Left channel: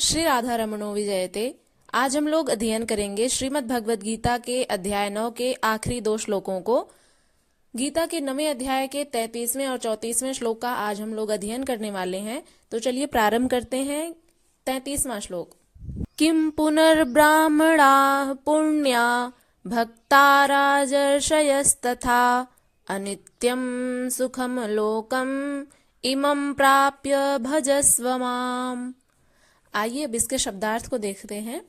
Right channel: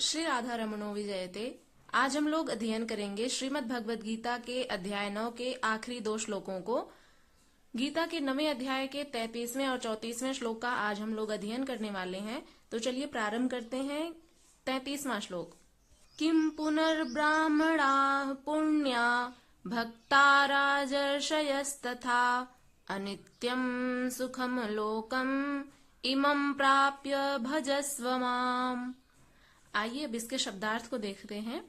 श्री राधा रमणो विजयते। आज हम लोग अध्ययन करेंगे श्रीमद् भगवद गीता के अध्याय 9 के आखिरी 2 श्लोकों को। गीता के 9वें अध्याय के 33वें और 34वें श्लोक का आज हम लोग अध्ययन करने वाले हैं। तो चलिए प्रारंभ करते हैं। 33वां श्लोक। किम पुनर्ब्राह्मणा पुण्या भक्ता राजर्षयस्तथा अनित्यं सुखम लोकम इमं प्राप्य भजस्व माम। आइए अब इसके शब्दार्थ को देखते हैं।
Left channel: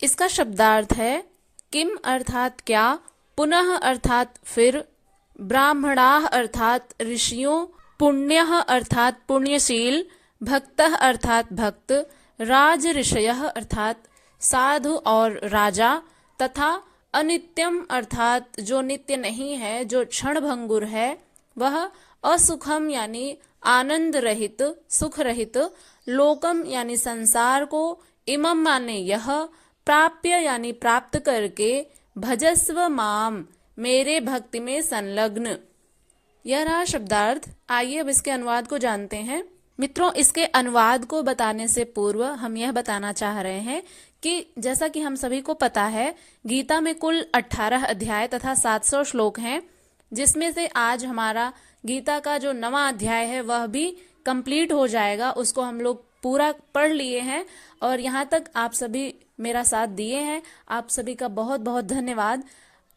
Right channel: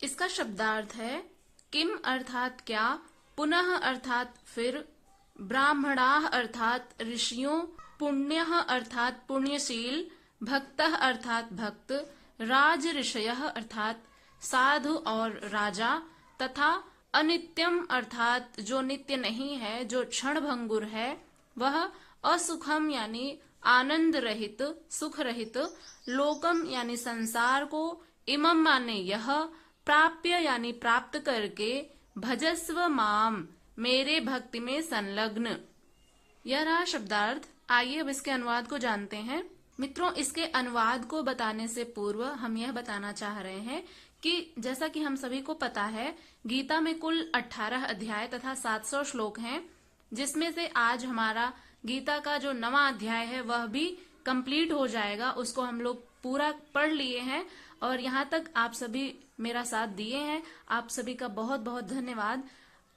इसका शब्दार्थ है किम अर्थात क्या, पुनः अर्थात फिर, ब्राह्मणाः अर्थात ऋषियों, पुण्यः अर्थात पुण्यशील, भक्तः अर्थात भक्त, राज ऋषयः अर्थात साधु और राजा, तथा अनित्यम अर्थात जो नित्य नहीं है, जो क्षण भंगुर है, वह असुखम यानी आनंद रहित, सुख रहित, लोकम यानी संसार को, इमम माने यह, प्राप्य यानी प्राप्त करके, भजस्व माम मेरे भक्ति में संलग्न। यह रहा शब्दार्थ। आइए अब इसके अनुवाद को जानते हैं। मित्रों, इसके अनुवाद को बताने से पूर्व हम यह बताना चाह रहे हैं कि जैसा कि हम सभी को पता है, गीता में कुल 18 अध्याय तथा 700 श्लोक हैं, जिसमें से आज हमारा गीता का जो 9वां अध्याय है वह भी कंप्लीट हो जाएगा। उसको हम लोग पूरा पढ़ लिए हैं और यहाँ तक आप सभी मेरा साथ दिए हैं। आप सभी का बहुत बहुत धन्यवाद।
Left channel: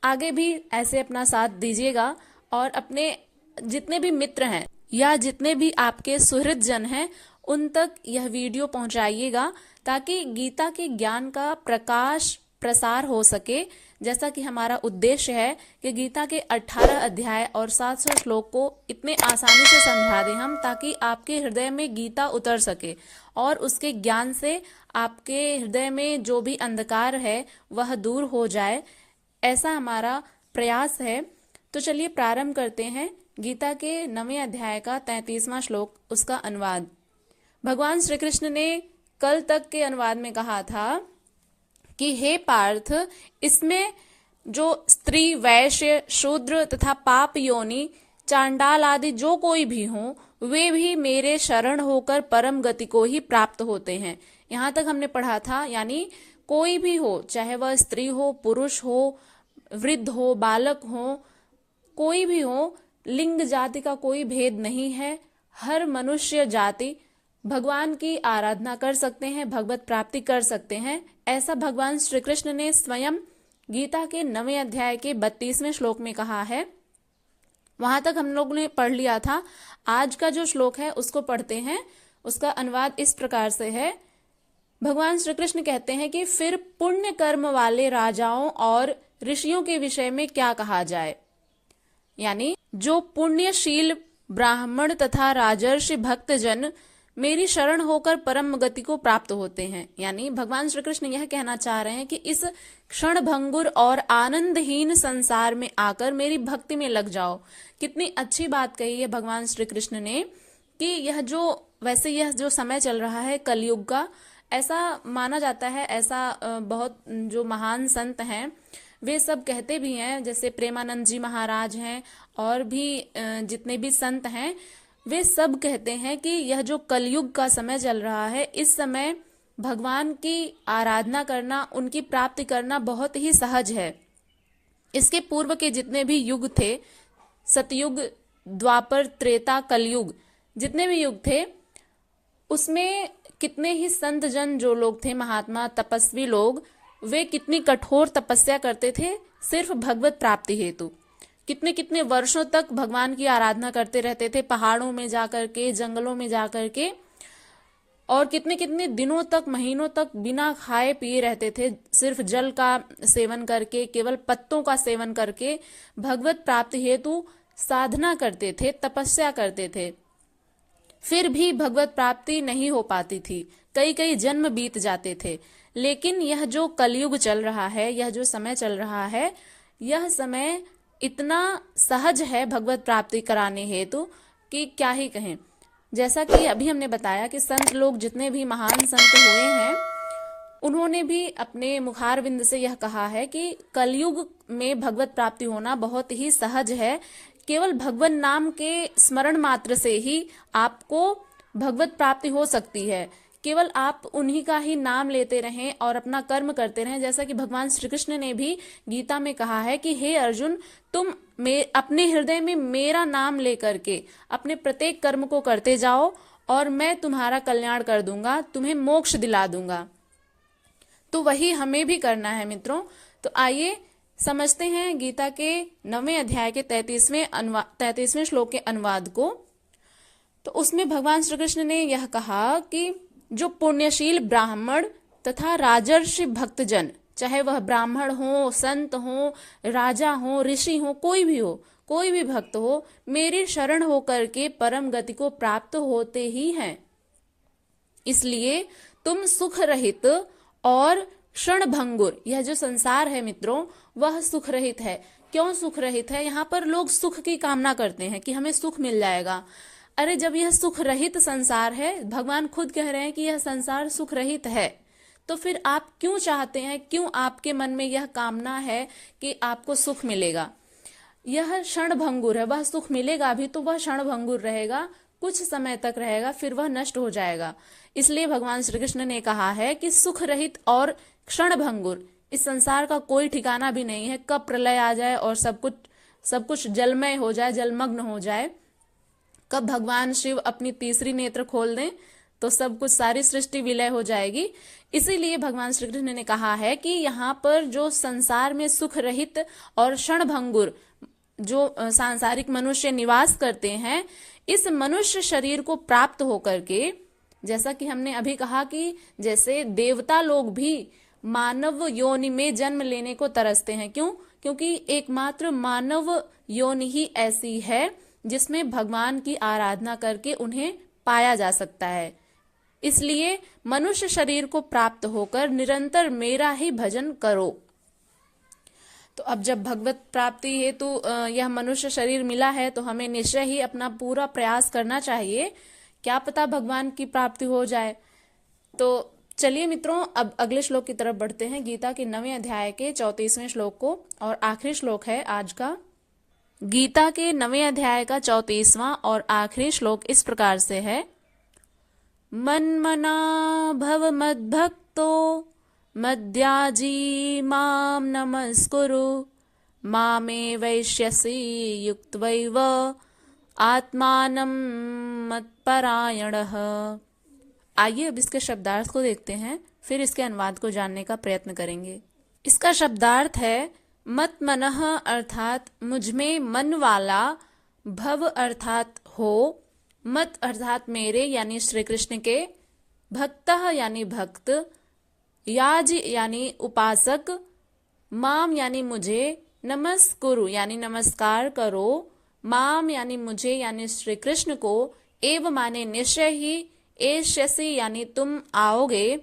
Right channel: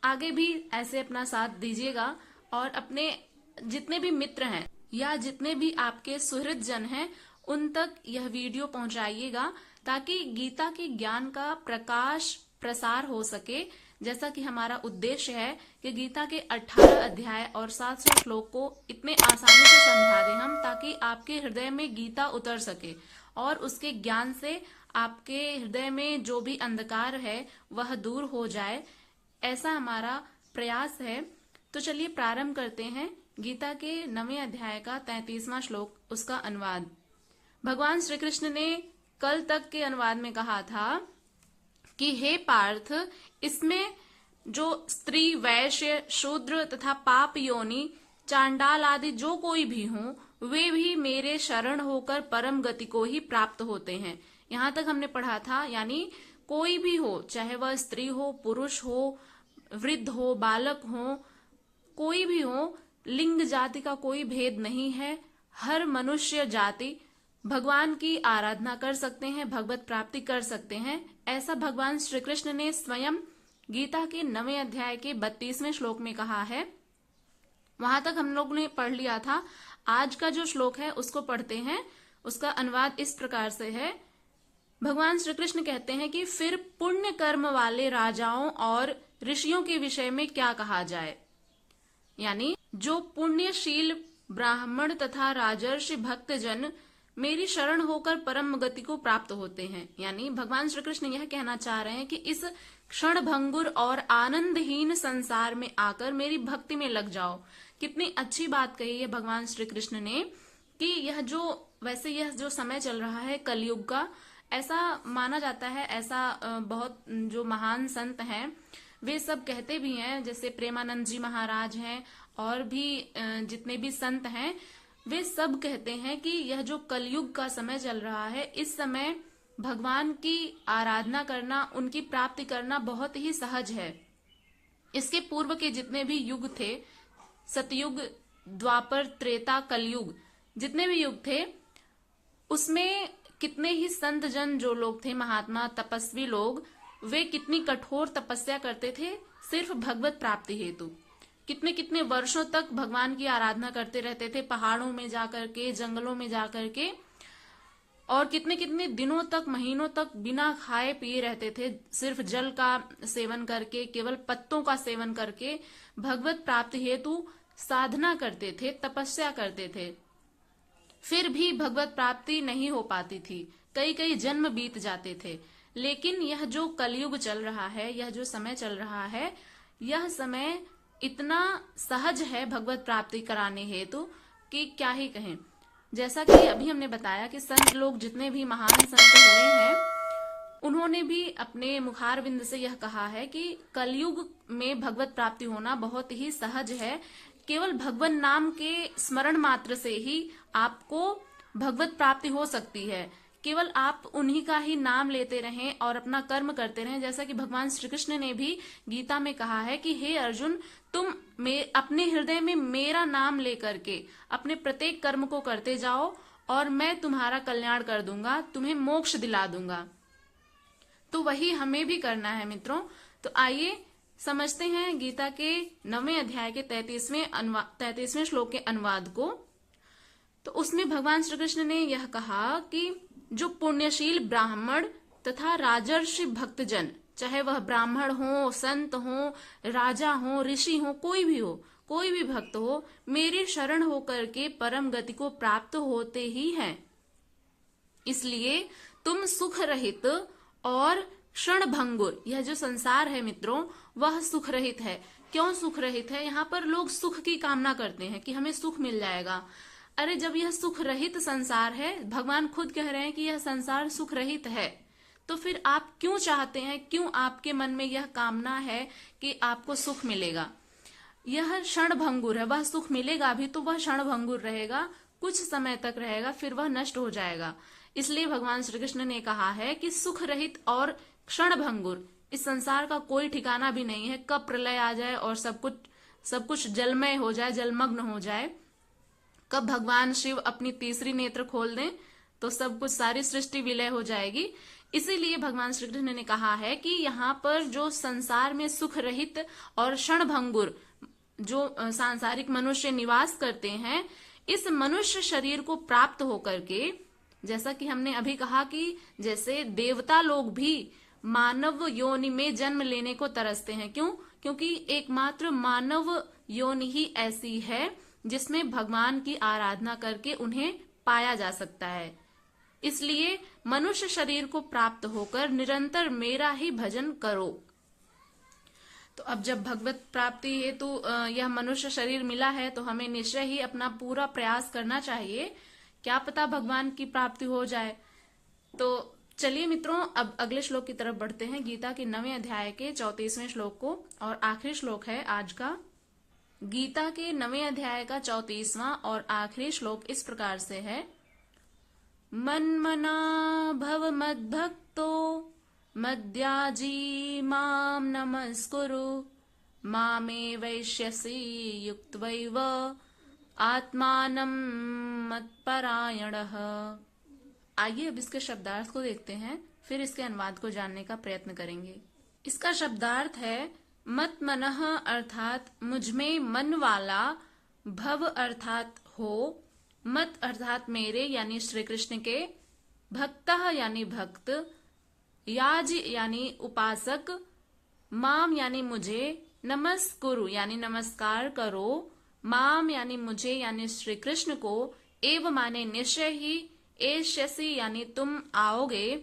आगे भी ऐसे अपना साथ दीजिएगा और अपने जितने भी मित्र हैं या जितने भी आपके सुहृद जन हैं उन तक यह वीडियो पहुंचाइएगा, ताकि गीता के ज्ञान का प्रकाश प्रसार हो सके। जैसा कि हमारा उद्देश्य है कि गीता के 18 अध्याय और 700 श्लोक को इतने आसानी से समझा दें हम, ताकि आपके हृदय में गीता उतर सके और उसके ज्ञान से आपके हृदय में जो भी अंधकार है वह दूर हो जाए। ऐसा हमारा प्रयास है। तो चलिए प्रारंभ करते हैं गीता के 9वें अध्याय का 33वां श्लोक, उसका अनुवाद। भगवान श्री कृष्ण ने कल तक के अनुवाद में कहा था कि हे पार्थ, इसमें जो स्त्री, वैश्य, शूद्र तथा पाप योनि, चांडाल आदि जो कोई भी हो, वे भी मेरे शरण होकर परम गति को ही प्राप्त होते हैं। यहाँ तक हमने पढ़ा था, यानी कोई भी हो, चाहे वह स्त्री हो, पुरुष हो, वृद्ध हो, बालक हो, कोई भी हो, लिंग जाति का कोई भेद नहीं है। हर मनुष्य जाति भगवान की आराधना कर सकते हैं, भगवत प्राप्ति कर सकते हैं। ऐसा भगवान श्री कृष्ण ने स्वयं गीता के 9वें अध्याय के 32वें श्लोक में कहा है। वहां तक हम लोग ने पढ़ लिया था। आज का जो श्लोक है उसको पढ़ते हैं। उसका अनुवाद इस प्रकार से है। भगवान श्री कृष्ण कहते हैं कि फिर पुण्य कर्म वाले राजाओं और ऋषियों के विषय में क्या कहा जाए, यानी जो पुण्यशील ब्राह्मण तथा राजर्षि भक्तजन मेरी शरण होकर परम गति को प्राप्त होते हैं। यानी भगवान श्री कृष्ण यह कहना चाह रहे हैं कि इस क्षण भंगुर और आनंदहीन संसार में आकर मेरी भक्ति में लग जाओ। कितनी अच्छी बात कही है भगवान श्री कृष्ण ने कि यह जो समय चल रहा है कलयुग का, ऐसा माना जाता है, ऐसा बहुत जो महान संत हैं वे सब कहते भी हैं, जैसे प्रेमानंद जी महाराज हैं और भी जितने भी संत हैं, वे सब कहते हैं कि यह जो कलयुग का समय चल रहा है, इस समय भगवान की आराधना करना, उनकी प्राप्ति करना बहुत ही सहज है। इसके पूर्व के जितने भी युग थे, सतयुग, द्वापर, त्रेता, कलयुग, जितने भी युग थे, उसमें कितने ही संत जन जो लोग थे, महात्मा, तपस्वी लोग, वे कितनी कठोर तपस्या करते थे सिर्फ भगवत प्राप्ति हेतु। कितने कितने वर्षों तक भगवान की आराधना करते रहते थे, पहाड़ों में जाकर के, जंगलों में जाकर के, और कितने कितने दिनों तक, महीनों तक बिना खाए पिए रहते थे, सिर्फ जल का सेवन करके, केवल पत्तों का सेवन करके भगवत प्राप्ति हेतु साधना करते थे, तपस्या करते थे। फिर भी भगवत प्राप्ति नहीं हो पाती थी, कई कई जन्म बीत जाते थे। लेकिन यह जो कलयुग चल रहा है, यह जो समय चल रहा है, यह समय इतना सहज है भगवत प्राप्ति कराने हेतु कि क्या ही कहें। जैसा कि अभी हमने बताया कि संत लोग, जितने भी महान संत हुए हैं, उन्होंने भी अपने मुखारविंद से यह कहा है कि कलयुग में भगवत प्राप्ति होना बहुत ही सहज है। केवल भगवान नाम के स्मरण मात्र से ही आपको भगवत प्राप्ति हो सकती है। केवल आप उन्हीं का ही नाम लेते रहें और अपना कर्म करते रहें, जैसा कि भगवान श्री कृष्ण ने भी गीता में कहा है कि हे अर्जुन, तुम अपने हृदय में मेरा नाम लेकर के अपने प्रत्येक कर्म को करते जाओ और मैं तुम्हारा कल्याण कर दूंगा, तुम्हें मोक्ष दिला दूंगा। तो वही हमें भी करना है मित्रों। तो आइए समझते हैं गीता के 9वें अध्याय के 33वें श्लोक के अनुवाद को। तो उसमें भगवान श्री कृष्ण ने यह कहा कि जो पुण्यशील ब्राह्मण तथा राजर्षि भक्तजन, चाहे वह ब्राह्मण हो, संत हो, राजा हो, ऋषि हो, कोई भी भक्त हो, मेरी शरण होकर के परम गति को प्राप्त होते ही हैं। इसलिए तुम सुख रहित और क्षणभंगुर, यह जो संसार है मित्रों वह सुख रहित है। क्यों सुख रहित है? यहाँ पर लोग सुख की कामना करते हैं कि हमें सुख मिल जाएगा। अरे जब यह सुख रहित संसार है, भगवान खुद कह रहे हैं कि यह संसार सुख रहित है, तो फिर आप क्यों चाहते हैं, क्यों आपके मन में यह कामना है कि आपको सुख मिलेगा? यह क्षणभंगुर है, वह सुख मिलेगा भी तो वह क्षणभंगुर रहेगा, कुछ समय तक रहेगा, फिर वह नष्ट हो जाएगा। इसलिए भगवान श्री कृष्ण ने कहा है कि सुख रहित और क्षणभंगुर, इस संसार का कोई ठिकाना भी नहीं है, कब प्रलय आ जाए और सब कुछ जलमय हो जाए, जलमग्न हो जाए, कब भगवान शिव अपनी तीसरी नेत्र खोल दें तो सब कुछ, सारी सृष्टि विलय हो जाएगी। इसीलिए भगवान श्री कृष्ण ने कहा है कि यहाँ पर जो संसार में सुख रहित और क्षणभंगुर जो सांसारिक मनुष्य निवास करते हैं, इस मनुष्य शरीर को प्राप्त होकर के, जैसा कि हमने अभी कहा कि जैसे देवता लोग भी मानव योनि में जन्म लेने को तरसते हैं। क्यों? क्योंकि एकमात्र मानव योनि ही ऐसी है जिसमें भगवान की आराधना करके उन्हें पाया जा सकता है। इसलिए मनुष्य शरीर को प्राप्त होकर निरंतर मेरा ही भजन करो। तो अब जब भगवत प्राप्ति हेतु यह मनुष्य शरीर मिला है तो हमें निश्चय ही अपना पूरा प्रयास करना चाहिए, क्या पता भगवान की प्राप्ति हो जाए। तो चलिए मित्रों, अब अगले श्लोक की तरफ बढ़ते हैं, गीता के 9वें अध्याय के 34वें श्लोक को, और आखिरी श्लोक है आज का। गीता के 9वें अध्याय का 34वां और आखिरी श्लोक इस प्रकार से है, मन्मना भव मद्भक्तो मद्याजी माम नमस्कुरु मामे वैश्यसि युक्त्वैव आत्मानं मत्परायणः। आइए अब इसके शब्दार्थ को देखते हैं, फिर इसके अनुवाद को जानने का प्रयत्न करेंगे। इसका शब्दार्थ है मत मनः अर्थात मुझमें मन वाला, भव अर्थात हो, मत अर्थात मेरे यानी श्री कृष्ण के, भक्तः यानी भक्त, याज यानी उपासक, माम यानी मुझे, नमस्कुरु यानी नमस्कार करो, माम यानी मुझे यानी श्री कृष्ण को, एव माने निश्चय ही, एष्यसि यानी तुम आओगे,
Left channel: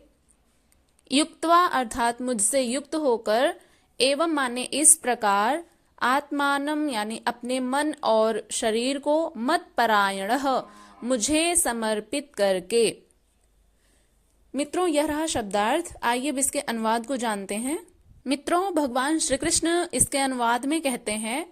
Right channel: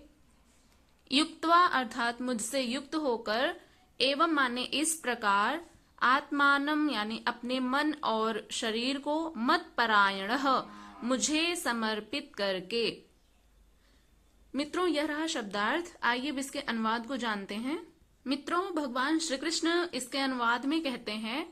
युक्त्वा अर्थात मुझसे युक्त होकर, एवं माने इस प्रकार, आत्मानम यानी अपने मन और शरीर को, मत परायणः मुझे समर्पित करके। मित्रों यह रहा शब्दार्थ। आइए अब इसके अनुवाद को जानते हैं। मित्रों भगवान श्री कृष्ण इसके अनुवाद में कहते हैं,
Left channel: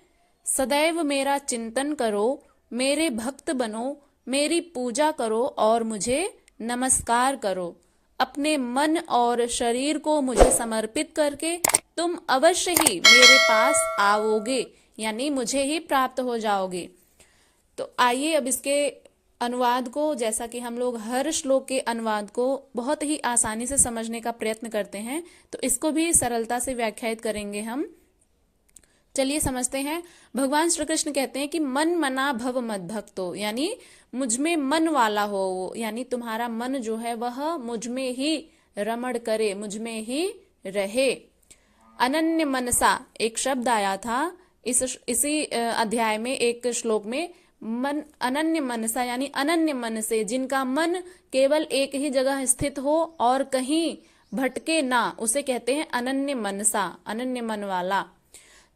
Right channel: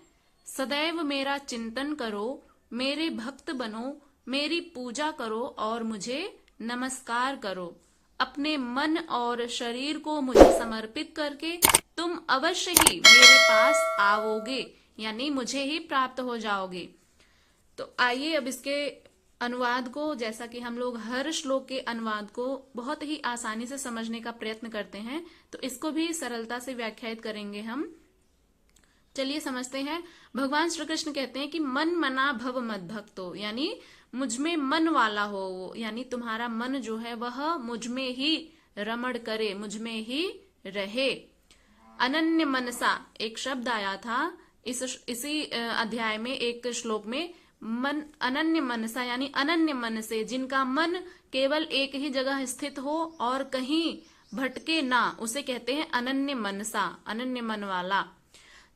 सदैव मेरा चिंतन करो, मेरे भक्त बनो, मेरी पूजा करो और मुझे नमस्कार करो। अपने मन और शरीर को मुझे समर्पित करके तुम अवश्य ही मेरे पास आओगे, यानी मुझे ही प्राप्त हो जाओगे। तो आइए अब इसके अनुवाद को, जैसा कि हम लोग हर श्लोक के अनुवाद को बहुत ही आसानी से समझने का प्रयत्न करते हैं, तो इसको भी सरलता से व्याख्यायित करेंगे हम। चलिए समझते हैं। भगवान श्री कृष्ण कहते हैं कि मन मना भव मद्भक्तो, यानी मुझ में मन वाला हो वो, यानी तुम्हारा मन जो है वह मुझ में ही रमण करे, मुझ में ही रहे। अनन्य मनसा एक शब्द आया था इसी अध्याय में, एक श्लोक में, मन अनन्य मनसा यानी अनन्य मन से, जिनका मन केवल एक ही जगह स्थित हो और कहीं भटके ना, उसे कहते हैं अनन्य मनसा, अनन्य मन वाला।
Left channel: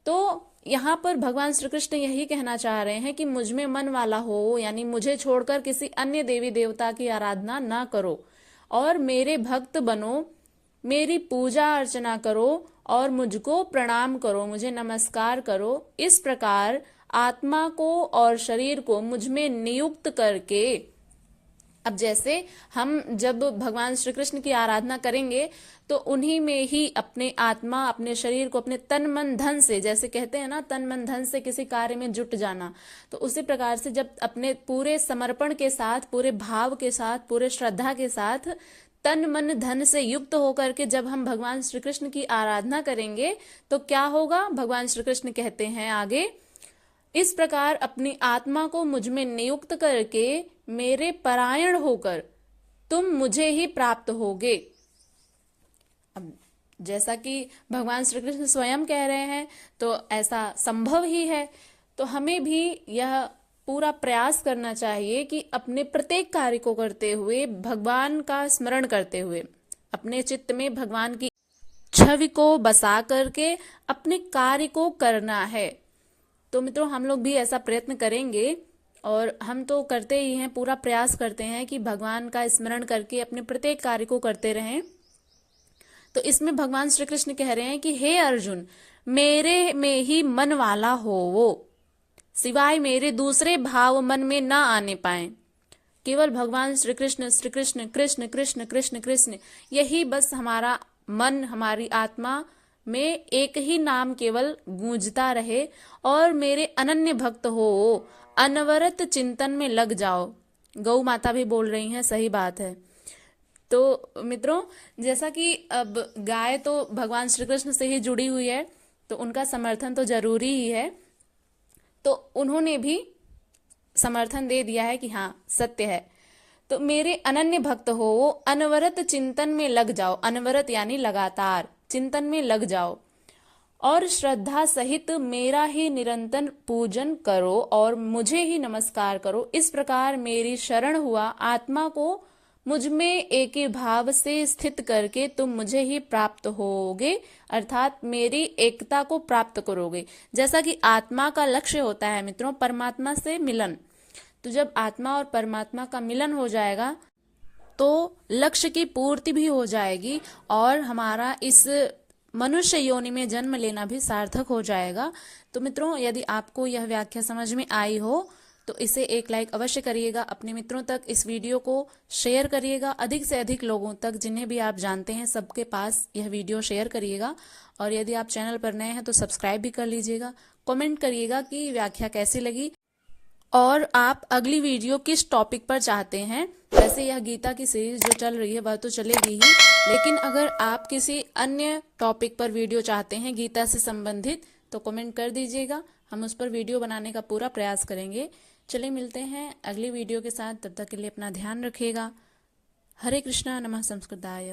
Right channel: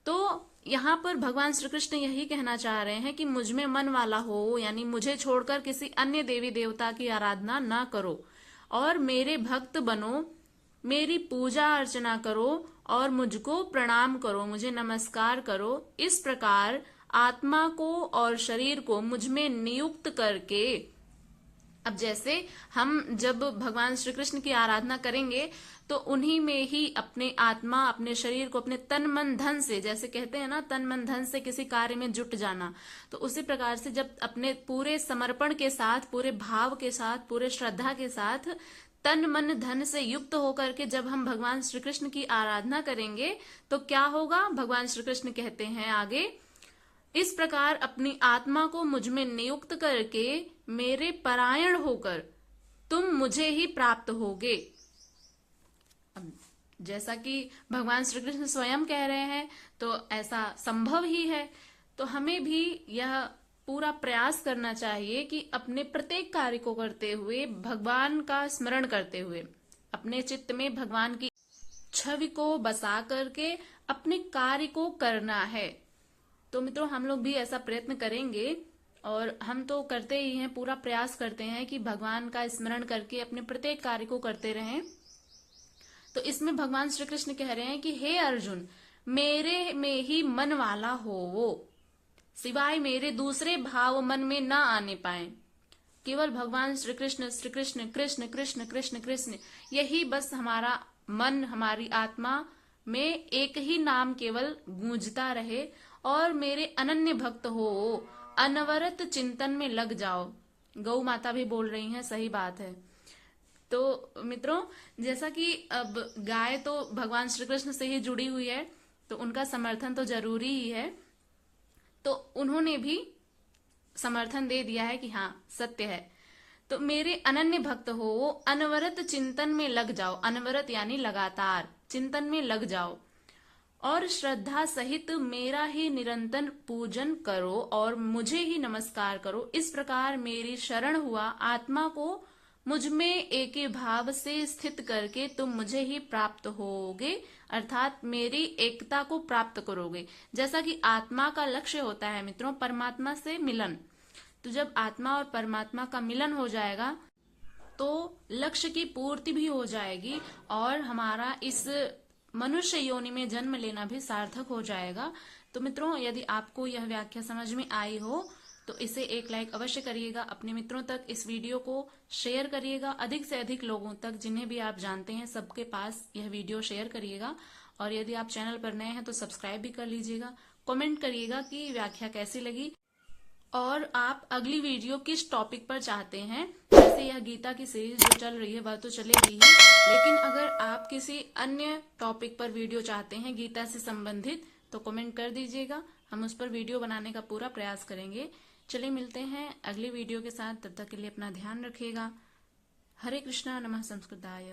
तो यहाँ पर भगवान श्री कृष्ण यही कहना चाह रहे हैं कि मुझ में मन वाला हो, यानी मुझे छोड़कर किसी अन्य देवी देवता की आराधना ना करो और मेरे भक्त बनो, मेरी पूजा अर्चना करो और मुझको प्रणाम करो, मुझे नमस्कार करो। इस प्रकार आत्मा को और शरीर को मुझ में नियुक्त करके अब जैसे हम जब भगवान श्री कृष्ण की आराधना करेंगे तो उन्हीं में ही अपने आत्मा, अपने शरीर को अपने तन मन धन से, जैसे कहते हैं ना, तन मन धन से किसी कार्य में जुट जाना, तो उसी प्रकार से जब अपने पूरे समर्पण के साथ, पूरे भाव के साथ, पूरे श्रद्धा के साथ तन मन धन से युक्त होकर के जब हम भगवान श्री कृष्ण की आराधना करेंगे तो क्या होगा? भगवान श्री कृष्ण कहते हैं आगे, इस प्रकार अपनी आत्मा को मुझ में नियुक्त करके मेरे परायण होकर तुम मुझे ही प्राप्त होगे। अब जैसा कि भगवान श्री कृष्ण स्वयं कह रहे हैं तो ऐसा संभव ही है। तो हमें भी यह पूरा प्रयास करना चाहिए कि अपने प्रत्येक कार्य को करते हुए, भगवान का स्मरण करते हुए, अपने चित्त में भगवान की छवि को बसा करके अपने कार्य को करना है। तो मित्रों, हम लोग भी ऐसा प्रयत्न करेंगे और हम तो करते ही हैं, पूरा प्रयास करते हैं कि भगवान का स्मरण करके अपने प्रत्येक कार्य को करते रहें। तो इसमें भगवान श्री कृष्ण कह रहे हैं कि हे अर्जुन, मेरे में ही मन वाला हो वो, सिवाय मेरे दूसरे भाव मन में ना आने पाए। केवल भगवान श्री कृष्ण कृष्ण कृष्ण कृष्ण कृष्ण, यही बस हमारा मन, हमारी आत्मा में एक ही नाम केवल गूंजता रहे और मेरे अनन्य भक्त हो, अनवरत चिंतन में लग जाओ। गौ माता भी बोल रही हैं, सही बात है। तो मित्रों, जैसा कि अब गाय तो भगवान श्री कृष्ण से ही जुड़ी हुई है, तो उनका समर्थन तो जरूरी ही है। तो उन्होंने भी समर्थन दे दिया है कि हाँ, सत्य है। तो मेरे अनन्य भक्त हो, वो अनवरत चिंतन में लग जाओ। अनवरत यानी लगातार चिंतन में लग जाओ और श्रद्धा सहित मेरा ही निरंतर पूजन करो और मुझे ही नमस्कार करो। इस प्रकार मेरी शरण हुआ आत्मा को मुझ में एक ही भाव से स्थित करके तुम मुझे ही प्राप्त होगे, अर्थात मेरी एकता को प्राप्त करोगे। जैसा कि आत्मा का लक्ष्य होता है मित्रों, परमात्मा से मिलन। तो जब आत्मा और परमात्मा का मिलन हो जाएगा तो लक्ष्य की पूर्ति भी हो जाएगी और हमारा इस मनुष्य योनि में जन्म लेना भी सार्थक हो जाएगा। तो मित्रों, यदि आपको यह व्याख्या समझ में आई हो तो इसे एक लाइक अवश्य करिएगा। अपने मित्रों तक इस वीडियो को शेयर करिएगा, अधिक से अधिक लोगों तक, जिन्हें भी आप जानते हैं सबके पास यह वीडियो शेयर करिएगा। और यदि आप चैनल पर नए हैं तो सब्सक्राइब भी कर लीजिएगा। कमेंट करिएगा कि व्याख्या कैसी लगी और आप अगली वीडियो किस टॉपिक पर चाहते हैं। वैसे यह गीता की सीरीज जो चल रही है वह तो चलेगी ही, लेकिन अगर आप किसी अन्य टॉपिक पर वीडियो चाहते हैं गीता से संबंधित तो कमेंट कर दीजिएगा, हम उस पर वीडियो बनाने का पूरा प्रयास करेंगे। चलिए मिलते हैं अगली वीडियो के साथ, तब तक के लिए अपना ध्यान रखिएगा। हरे कृष्णा, नमः संस्कृताय।